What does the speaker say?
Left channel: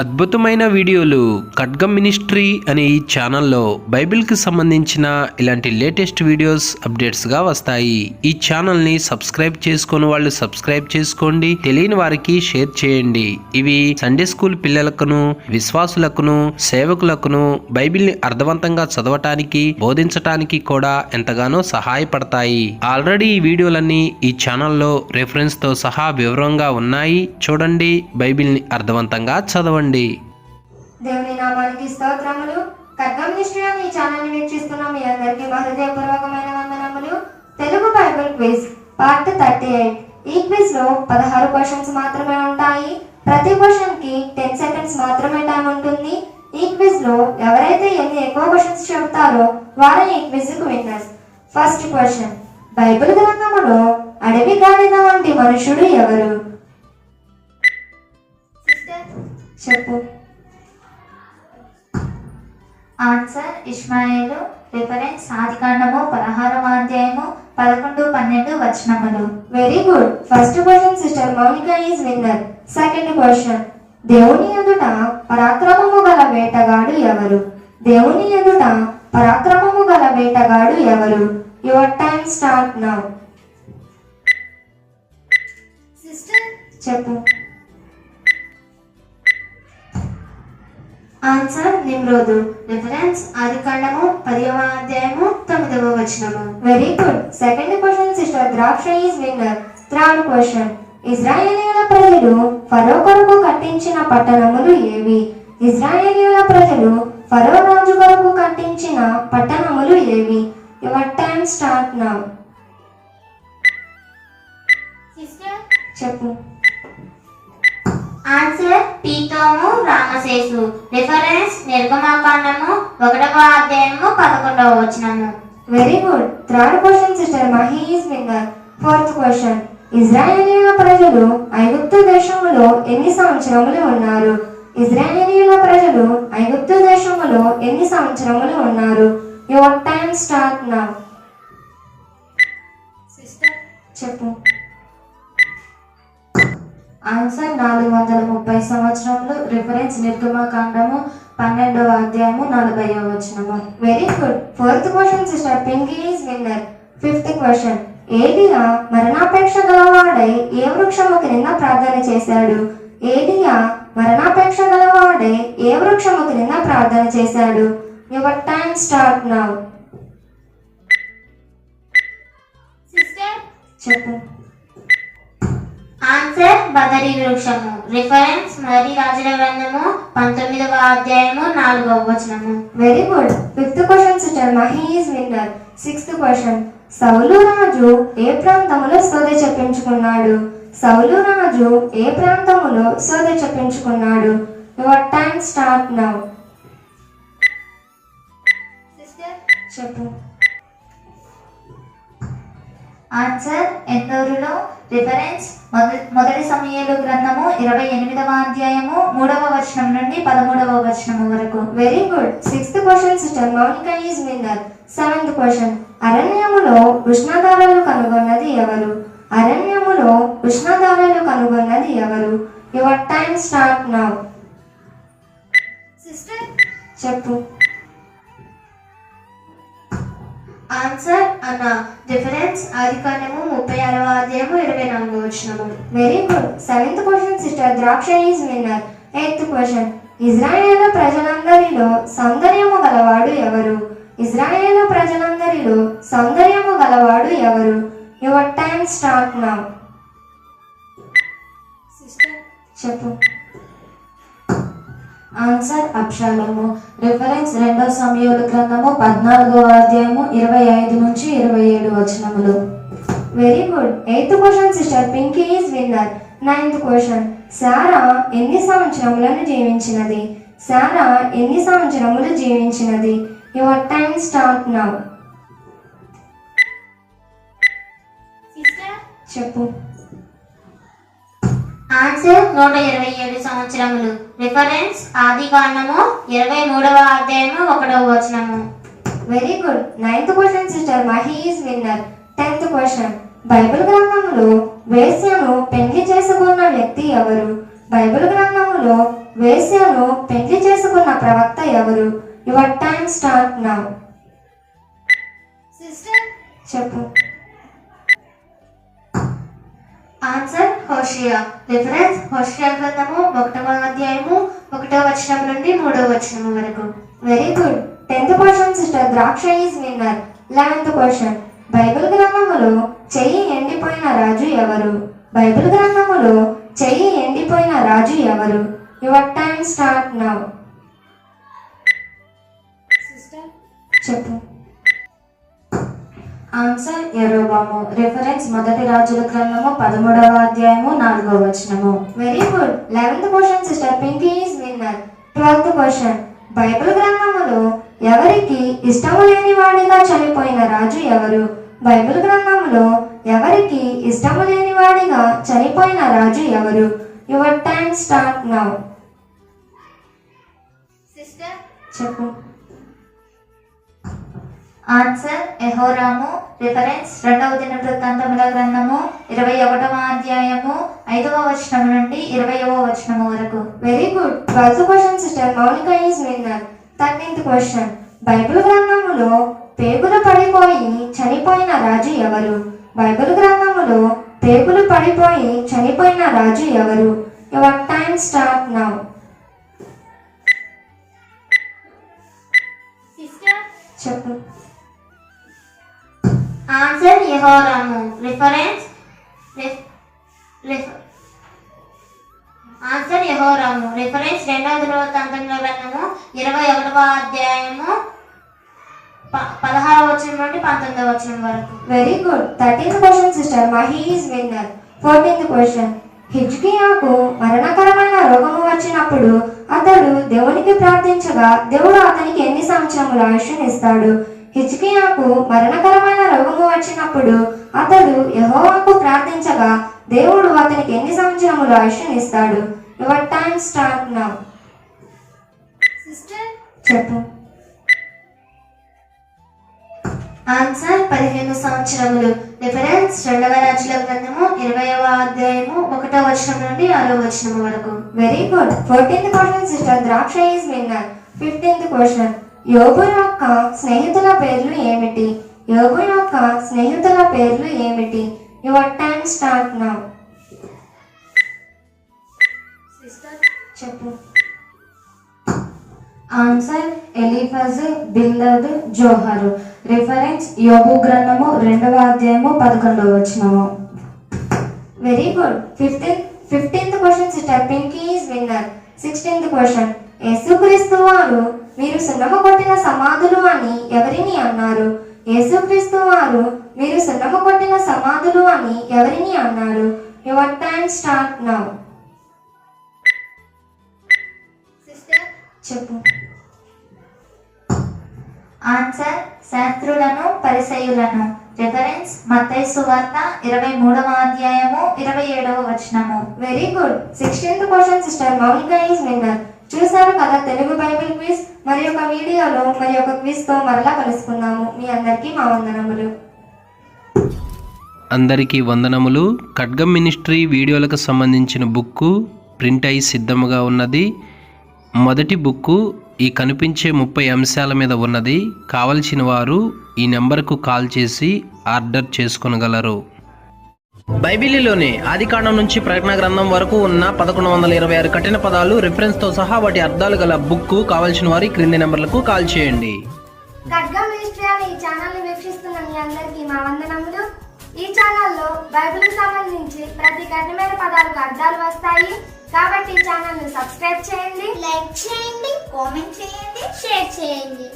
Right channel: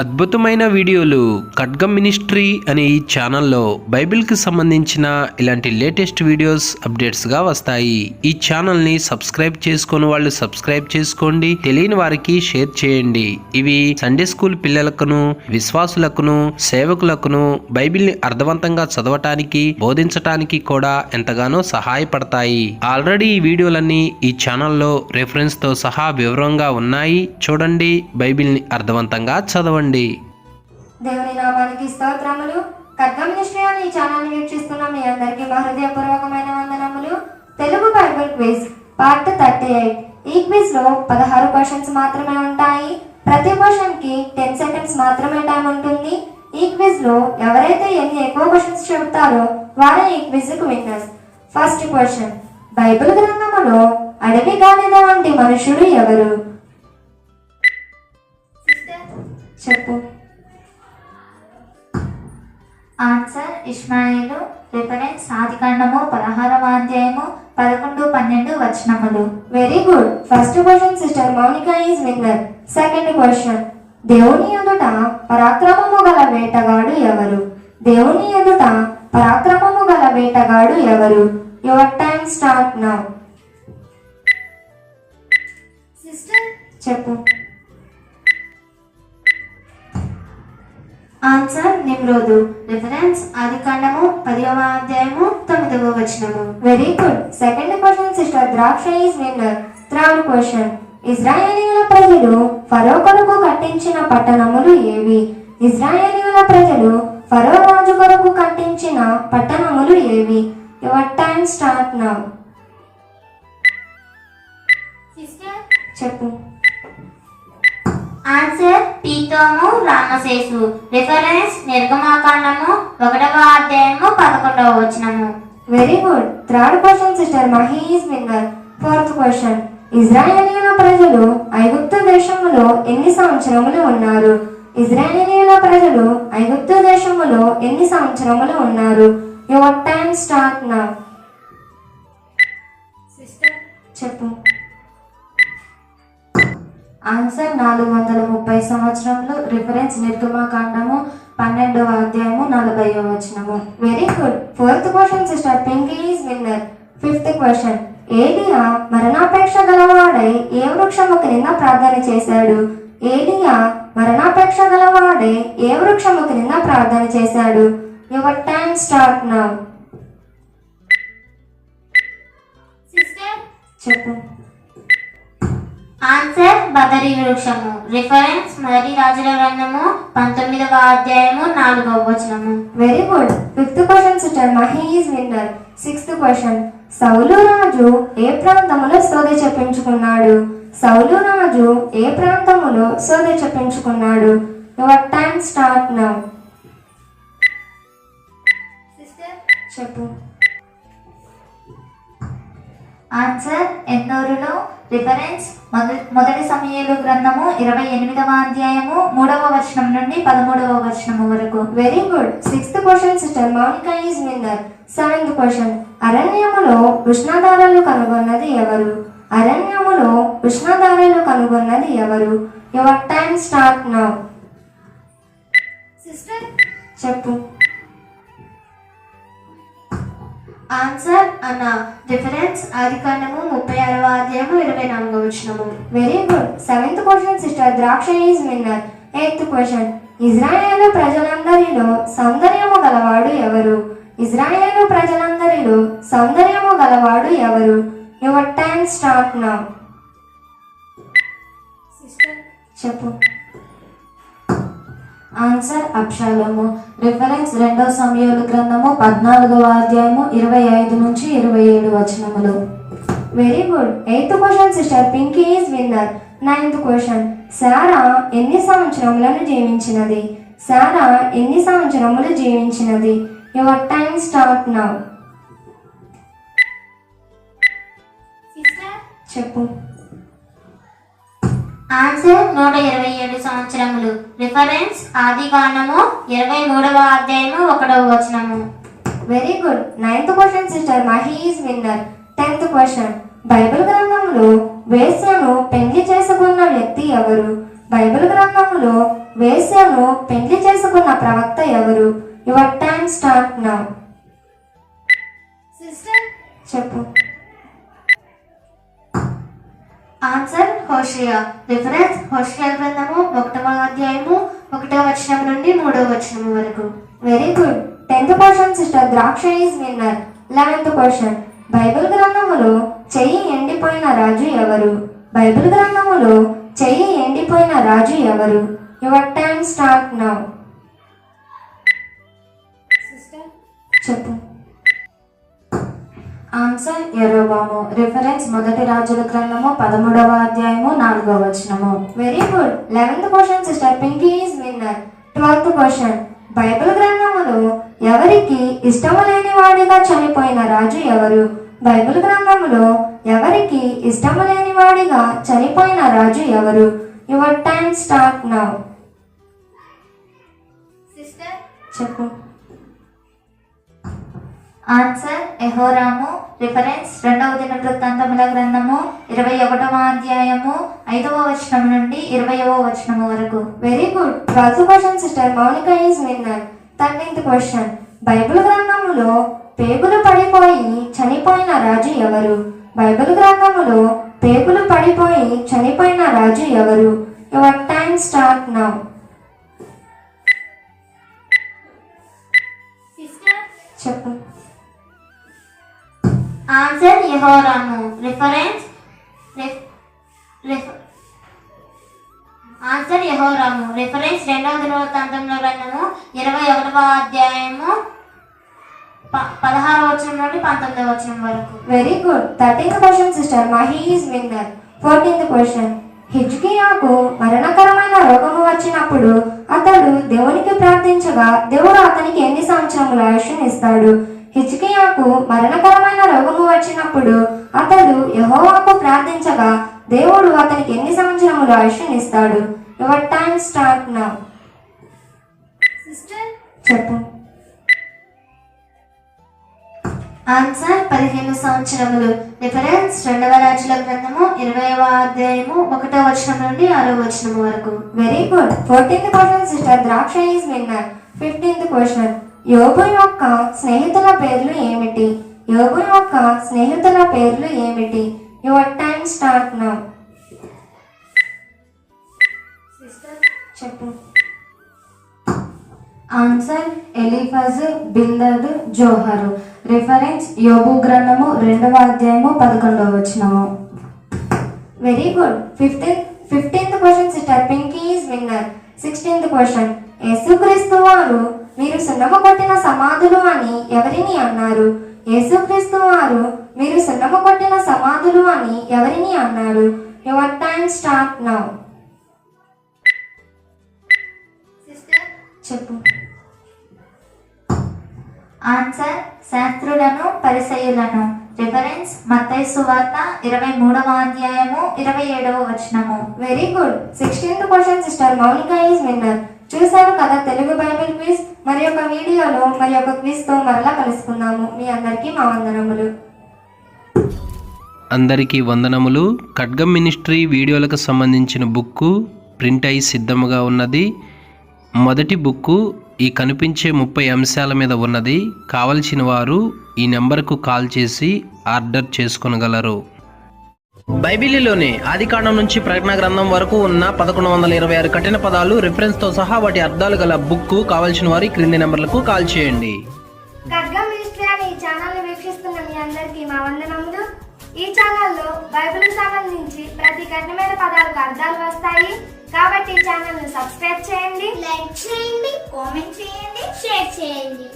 అద్భుతమైన వీడియోలు ఖడ్గం మినిస్ట్రీ అనే ఈ ఛానల్లో బైబిల్కి సంబంధించిన ఇలాంటి లేటెస్ట్ వీడియోస్ అప్డేట్స్గా వస్తాయి. ఈ ఛానల్ని సబ్స్క్రైబ్ చేసుకొని వాళ్ళు సబ్స్క్రైబ్ చేసుకోండి, తెలియని వారికి షేర్ చేయండి. ఇవి సండే స్కూల్ పిల్లలకును, విశ్వాసులకును, సేవకులకును బైబిల్ని అర్థవంతంగా చదవటానికి, బోధించటానికి కూడా ఎంతగానో సహాయపడతాయి. ఆల్రెడీ ఈ వీడియోలన్నీ ఈ ఛానల్లో రెఫరెన్స్ తో సహా వివరంగా ఉన్నాయి. చూడండి, బైబిల్ని అర్థవంతంగా చదవండి. దేవుని నామానికి స్తోత్రములు. ఖడ్గం మినిస్ట్రీ అనే ఈ ఛానల్ ని వీక్షిస్తున్న మీ అందరికీ మా హృదయపూర్వకమైన వందనములు. Telugu Bible quiz part 38. ఈ క్విజ్ లో 16 క్వశ్చన్స్ మాత్రమే ఉంటాయి. ప్రతి క్వశ్చన్ కి 10 సెకండ్స్ మాత్రమే టైం ఉంటుంది. ఈ క్విజ్ లో ఎవరైతే ఎన్ని ఎక్కువ క్వశ్చన్స్ చెబుతారో వారే ఈ క్విజ్ కు విన్నర్స్. ఫస్ట్ క్వశ్చన్, బైబిల్ గ్రంథములో అడవి గాడిద వంటి మనుషుడు ఎవరు? చెప్పు. ఆన్సర్ ఇష్మాయేలు. రిఫరెన్స్ ఆదికాండము 16వ అధ్యాయము 11-12 వచనములు. Very good. First question sister Mounika is winner. Second question, దేవుని ఎదుట పరాక్రమము గల వేటగాడు ఎవరు? దేవుని ఎదుట పరాక్రమము గల వేటగాడు ఎవరు? Your time start now. Sister చెప్పు. ఆన్సర్ నిమ్రోదు. రిఫరెన్స్ ఆదికాండము 10వ అధ్యాయము 9వ వచనము. Very good. Second question sister Draksha is winner. Third question, ఇజ్రాయేలీయుల ప్రజలు ఫరో కొరకు కట్టించిన పట్టణములు ఏవి? ఇజ్రాయేలీయుల ప్రజలు ఫరో రాజు కొరకు కట్టించిన పట్టణములు ఏవి? Your time start now. Sister చెప్పు. Answer Pithom, Rameses. రిఫరెన్స్ నిర్గమాకాండము 1వ అధ్యాయము 11వ వచనము. Very good. Third question sister Mahi is winner. Fourth question, ఇజ్రాయేలీయుల ప్రజలు ఐగుప్తు దేశములో ఎన్ని సంవత్సరములు ఉన్నారు? ఇజ్రాయేలీయుల ప్రజలు ఐగుప్తు దేశములో ఎన్ని సంవత్సరములు ఉన్నారు? Your time start now. Sister చెప్పు. ఆన్సర్ 430 సంవత్సరములు. రిఫరెన్స్ నిర్గమాకాండము 12వ అధ్యాయము 40వ వచనము. Very good. Fourth question sister Pinky is winner. Fifth question, ఏలియా మరణాపేక్ష గలవాడై ఏ వృక్షము క్రింద ప్రార్థన చేశాడు? ఏలియా మరణాపేక్ష గలవాడై ఏ వృక్షము క్రింద ప్రార్థన చేశాడు? Your time start now. Sister చెప్పు. ఆన్సర్ బదరి వృక్షము. రిఫరెన్స్ మొదటి రాజుల గ్రంథము 19వ అధ్యాయము 4వ వచనము. Very good. Fifth question sister Mahi is winner. Sixth question, సౌలు రాజు ఏ ప్రాంతములో సోద చెప్పించుకున్నాడు? సౌలు రాజు ఏ ప్రాంతములో సోద చెప్పించుకున్నాడు? Your time start now. Sister చెప్పు. ఆన్సర్ ఎందోరులో. రిఫరెన్స్ మొదటి సమూయేలు గ్రంథము 28వ అధ్యాయము 3వ వచనం నుండి 13వ వచనము వరకు. Very good. Sixth question sister Mounika is winner. Seventh question, అరణ్యములో ఉష్ణధారలు కనుగొన్నది ఎవరు? అరణ్యములో ఉష్ణధారలు కనుగొన్నది ఎవరు? Your time start now. Sister చెప్పు. ఆన్సర్ అన్న. రిఫరెన్స్ ఆదికాండము 36వ అధ్యాయము 24వ వచనము. Very good. Seventh question sister Draksha is winner. Eighth question, ఇజ్రాయేలు ప్రజలందరిలో సౌందర్యము గలవాడు ఎవరు? ఇజ్రాయేలు ప్రజలందరిలో సౌందర్యము గలవాడు ఎవరు? Your time start now. Sister చెప్పు. ఆన్సర్ అబ్షాలోము. రిఫరెన్స్ 2వ సమూయేలు గ్రంథము 14వ అధ్యాయము 25 నుంచి 27 వచనములు. Very good. Eighth question sister Pinky is winner. Ninth question, శారా ఎన్ని సంవత్సరములను జీవించినది? శారా ఎన్ని సంవత్సరములు జీవించినది? Your time start now. Sister చెప్పు. ఆన్సర్ 127 సంవత్సరములు. రిఫరెన్స్ ఆదికాండము 23వ అధ్యాయము 1వ వచనము. Very good. Ninth question sister Mahi is winner. 10th question, Bible గ్రంథంలో వేశ్యను పెళ్లి చేసుకున్న వ్యక్తి ఎవరు? బైబిల్ గ్రంథములో వేశ్యను పెళ్లి చేసుకున్న ప్రవక్త ఎవరు? Your time start now. Sister చెప్పు. ఆన్సర్ హోషియా. రిఫరెన్స్ హోషియా గ్రంథము 1వ అధ్యాయము 1వ వచనం నుండి 3వ వచనం వరకు. Very good. 10th question sister Draksha is winner. 11th question Bible గ్రంథములో చెయ్యి ఎండిపోయిన రాజు ఎవరు? బైబిల్ గ్రంథములో చెయ్యి ఎండిపోయిన రాజు ఎవరు? Your time start now. Sister చెప్పు. ఆన్సర్ యెరోబాము. రిఫరెన్స్ మొదటి రాజుల గ్రంథము 13వ అధ్యాయము 4వ వచనము. Very good. 11th question sister Pinky is winner. 12th question Bible గ్రంథములో ఎవరికి ఇష్టము లేని వాడిగా చనిపోయిన రాజు ఎవరు? బైబిల్ గ్రంథములో ఎవరికి ఇష్టము లేని వాడిగా చనిపోయిన రాజు ఎవరు? Your time start now. Sister చెప్పు. ఆన్సర్ యెహోరాము. రిఫరెన్స్ 2వ దినవృత్తాంతముల గ్రంథము 21వ అధ్యాయము 5వ వచనం నుండి 20వ వచనం వరకు. Very good. 12th question sister Mounika is winner. 13th question Bible గ్రంథములో పేగులు పడిపోయి చనిపోయిన రాజు ఎవరు? బైబిల్ గ్రంథములో పేగులు పడిపోయి చనిపోయిన రాజు ఎవరు? Your time start now. చెప్పు. ఆన్సర్ యెహోరాము. రిఫరెన్స్ ఆన్సర్ యెహోరాము. రిఫరెన్స్ 2వ దినవృత్తాంతముల గ్రంథము 21వ అధ్యాయము 16వ వచనం నుండి 19వ వచనం వరకు. Very good. 13th question sister Mahi is winner. 14th question హిజ్కియాకు మరణకరమైన రోగము వచ్చినప్పుడు అతడు దేవునికి ప్రార్థించగా దేవుడు అతనికి ఎన్ని సంవత్సరముల ఆయుష్ను ఇస్తాడు? హిజ్కియాకు మరణకరమైన రోగము వచ్చినప్పుడు అతడు యెహోవాకు ప్రార్థించగా దేవుడు అతనికి ఎన్ని సంవత్సరముల ఆయుష్ను ఇస్తాడు? Your time start now. Sister చెప్పు. ఆన్సర్ 15 సంవత్సరములు. రిఫరెన్స్ 2వ రాజుల గ్రంథము 20వ అధ్యాయము 1వ వచనం నుండి 6వ వచనం వరకు. Very good. 14th question sister Draksha is winner. 15th question యోబు యొక్క స్నేహితుల పేర్లు ఏమిటి? యోబు యొక్క స్నేహితుల పేర్లు ఏమిటి? Your time start now. చెప్పు. ఆన్సర్ ఎలీఫజ్, బిల్దద్, జోహరు. రిఫరెన్స్ యోబు గ్రంథము 2వ అధ్యాయము 11వ వచనము. Very good. 15th question sister Pinky is winner. 16th question యేసుక్రీస్తు వారు మీరు సున్నమ కొట్టిన సమాధులు అని ఎవరిని అన్నారు? యేసుక్రీస్తు వారు మీరు సున్నమ కొట్టిన సమాధులు అని ఎవరిని అన్నారు? Your time start now. చెప్పు. ఆన్సర్ శాస్త్రులను, పరిసయ్యులను. రిఫరెన్స్ మత్తయి సువార్త 23వ అధ్యాయము 27వ వచనము. Very good. 16th question sister Mounika is winner. చూసారు కదా తెలుగు బైబిల్ క్విజ్. మరి ఒక వీడియోలో మరి ఒక క్విజ్ తో మరలా కలుసుకుందాము. మీ అందరికీ మా వందనములు. అందరికీ వందనములు. ఖడ్గం మినిస్ట్రీ వీడియోలకు సంబంధించిన బుక్కు ప్రింట్ అయి సిద్ధముగా ఉన్నది. మొదటి బుక్కు ఈ కనిపించే 30 అంశాల మీద ఉన్నది. కావలసిన వారు ఈ నెంబర్కు కాల్ చేసి ఆర్డర్ చేసుకొనగలరు. బైబిలులోని ఆదికాండం నుంచి ప్రకటన గ్రంథం వరకు ఉన్న 1126 కఠిన పదాలు రిఫరెన్స్తో సహా వాటి అర్థాలు గల బుక్కు కావలసిన వారి క్రింది నెంబర్లకు కాల్ చేయండి. ఖడ్గం మినిస్ట్రీ అనే ఈ ఛానల్ ని వీక్షిస్తున్న మీ అందరికీ మా వందనములు. ఈ ఛానల్లో బైబిల్ సంబంధించి ప్రతి కఠినమైన పదాలకు అర్థాలు వస్తాయి. కాబట్టి ఈ ఛానల్ ని సబ్స్క్రైబ్ చేయండి, లైక్ చేయండి, కామెంట్ చేయండి, షేర్ చేయండి.